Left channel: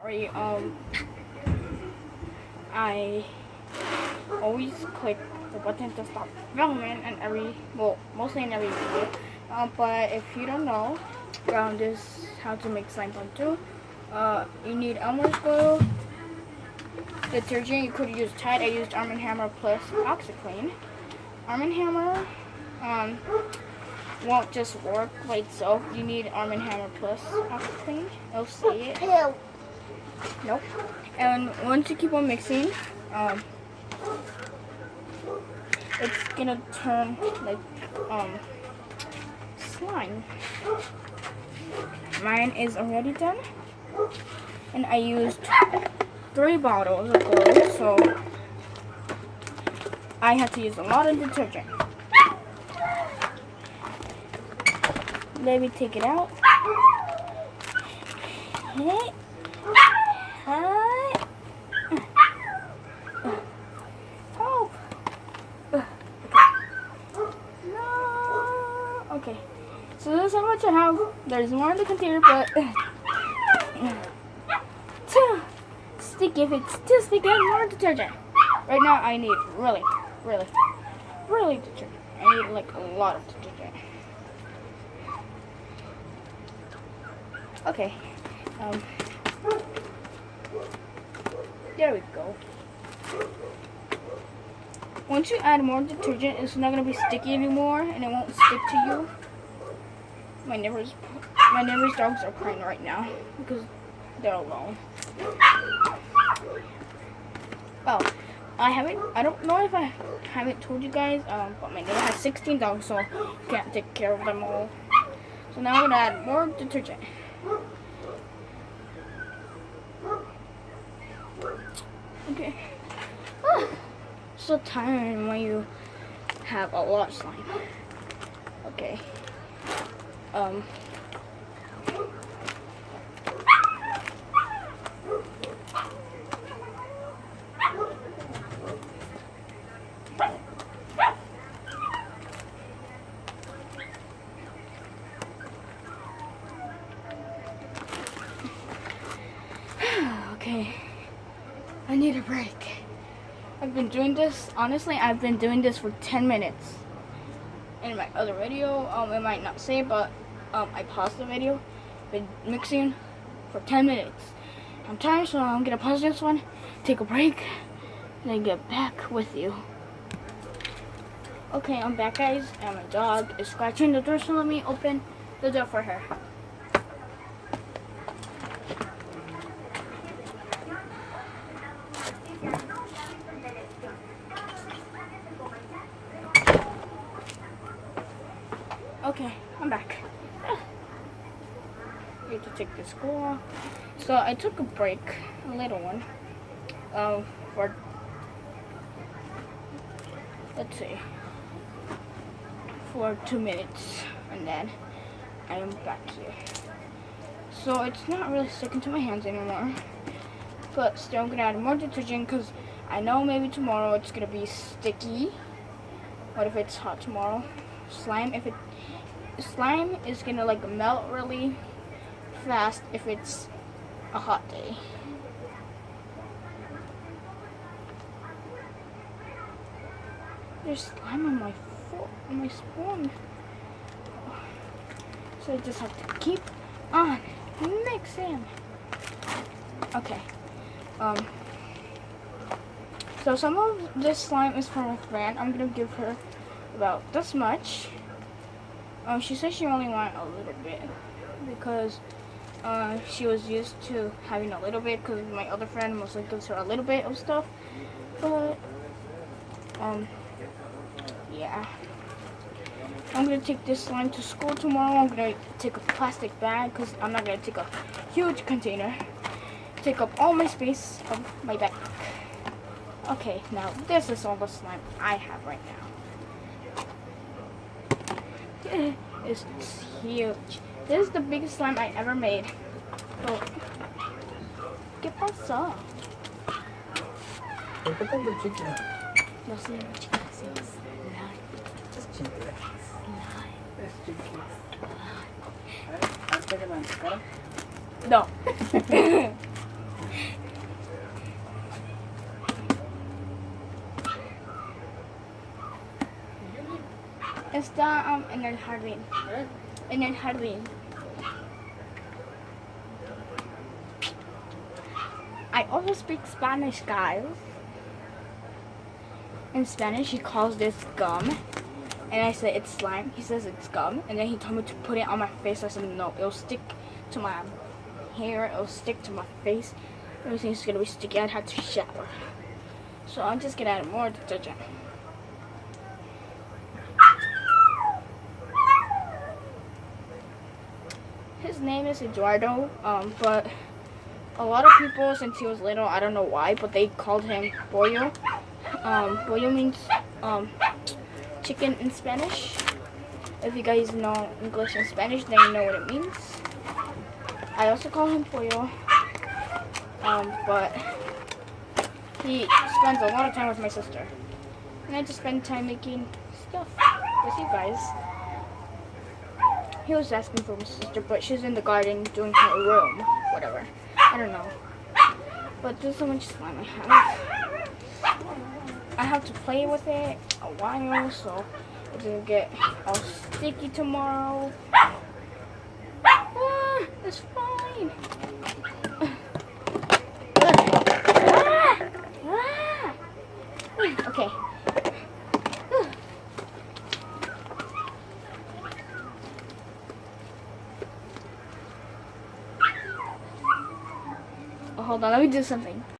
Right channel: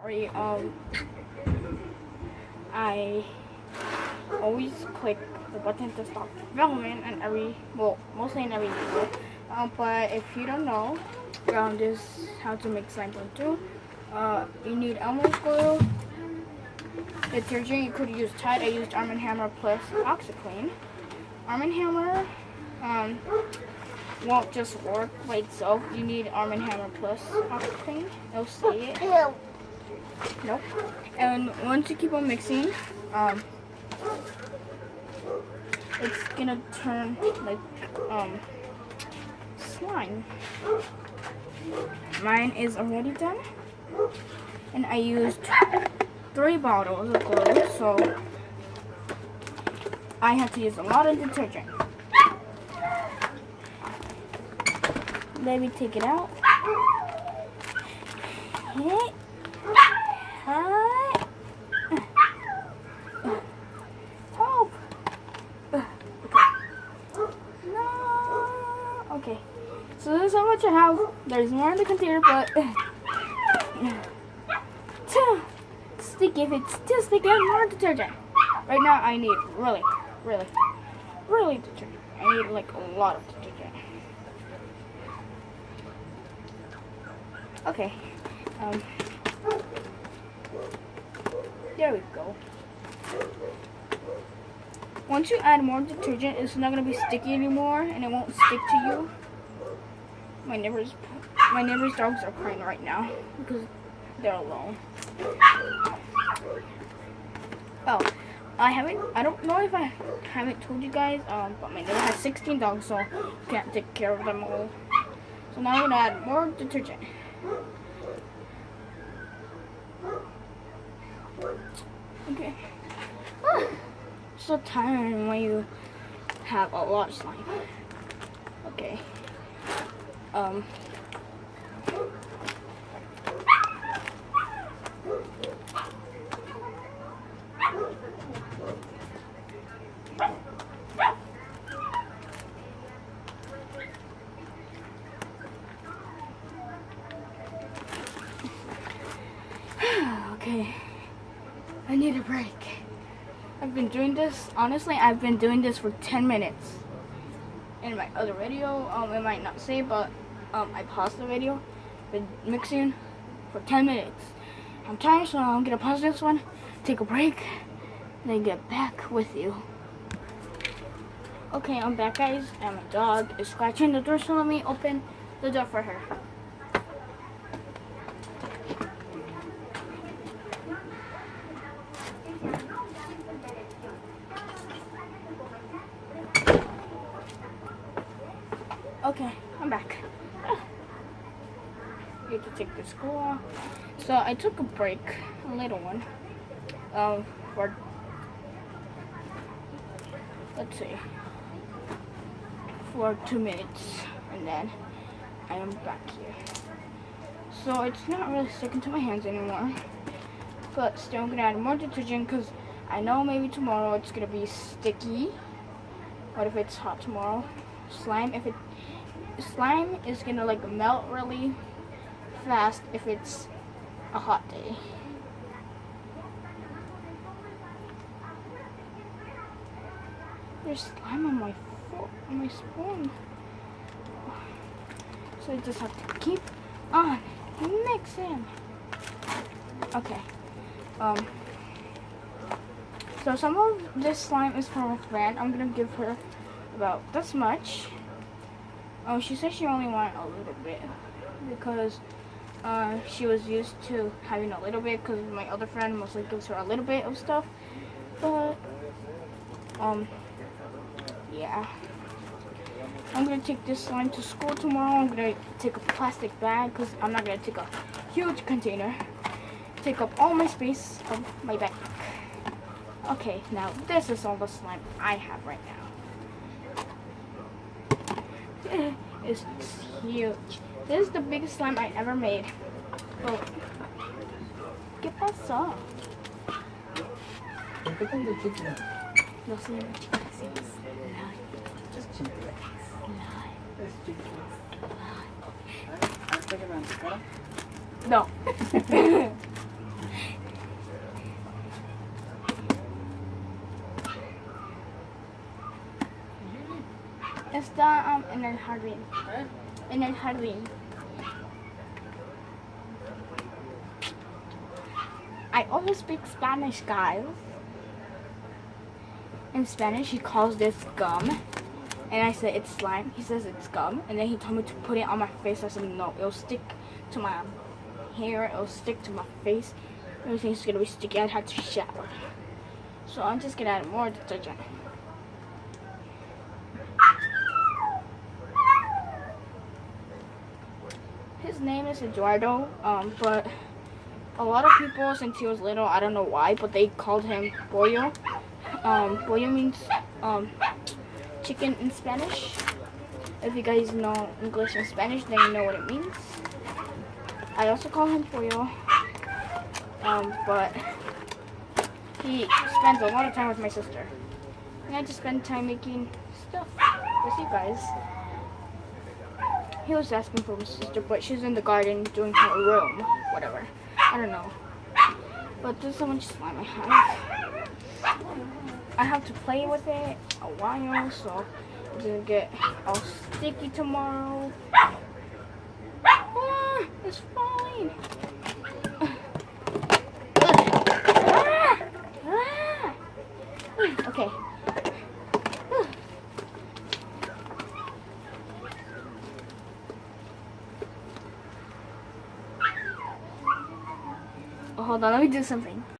Sorry, I always click the button to stop filming in mostly in every video. But if you don't know, this is how to make slime part 2. You need Elmer's glue, detergent. You could use Tide. I used Arm & Hammer plus OxiClean. Arm & Hammer won't just work by itself. You need Arm & Hammer plus OxiClean. It'll say it. Nope. And once you keep on mixing, it's gonna turn like slime. Mine is already done, and I used 3 bottles of glue, so I had to use a lot of detergent. Maybe take it out. Hit. Help! Okay. No. Okay. So this is how much I have. There's more in the container, but too sticky. If it's too sticky, I need more detergent. Right now, I need really detergent. I need like a lot of detergent. Okay. There we go. Once you add more detergent, it's not gonna be sticky anymore, and it won't stick to you. My neighbor's dogs are crying right now because they're alone. Oh, I don't know if I haven't told you guys, but my neighbor has 16 dogs, so can't take care of them all. So now I'm gonna add more detergent. Okay. So tiring when you have a lot of slime. Okay. Okay. I need a break. I've been doing this, honestly, I've been doing this for 10 minutes. In my other video, it might not say, but I paused the video. Been mixing for 10 minutes. I'm tired, so I'm gonna pause this one, take a break, and then get back with you. Okay, I'm back, guys, and my dog is scratching the door, so let me open the door for her. Okay, I'm back. You have to take this glue off. So I took a break, a little one, for, let's see, for 2 minutes, and then I am back here. So it's not really sticking to my hands anymore, but still I'm gonna add more detergent because I know maybe tomorrow it's gonna be sticky. What if it's hot tomorrow? Slime is gonna like melt really fast if it's a hot day. There's slime on my foot, on my spoon. So I just have to keep on mixing. Okay. So some of this slime is from a friend. I'm gonna give her about this much. She said she only wanted a little bit because she was used to having a little bit because my other friend mostly gives her a little bit of stuff. But yeah. I'm gonna take this slime to school tomorrow. I'm gonna take a plastic bag because I'm not gonna take a huge container. Take up all my space of my backpack. Okay, now this is all the slime I have right now. It's huge. This is the biggest slime I ever made. Oh, ¿qué pasó? ¿Por qué tanto chicle? No sé, chicas, decimos slime. Es chicle. Slime. Es chicle. A ver, ¿pégame en tu cara? No. Está en el jardín. ¿Eh? En el jardín. I also speak Spanish, guys. In Spanish, he calls this gum. And I said it's slime. He says it's gum. And then he told me to put it on my face. I said no, it'll stick to my hair. It'll stick to my face. Everything's gonna be sticky. I'd have to shower. So I'm just gonna add more detergent. His name is Eduardo, but a lot of people, since he was little, I don't know why, but they called him Pollo. Pollo means chicken in Spanish. If you guys know English and Spanish, then you know what it means. I also call him Pollo, but he spends a lot of time with my sister. And I just spend time making stuff with you guys. He was asking for my sister, but she's in the garden doing her room, whatever. I don't know. But there's so much slime I have. I have to play with it a while, so it doesn't get all sticky tomorrow. Ah, it's fine. Okay. Hold on, let me do something.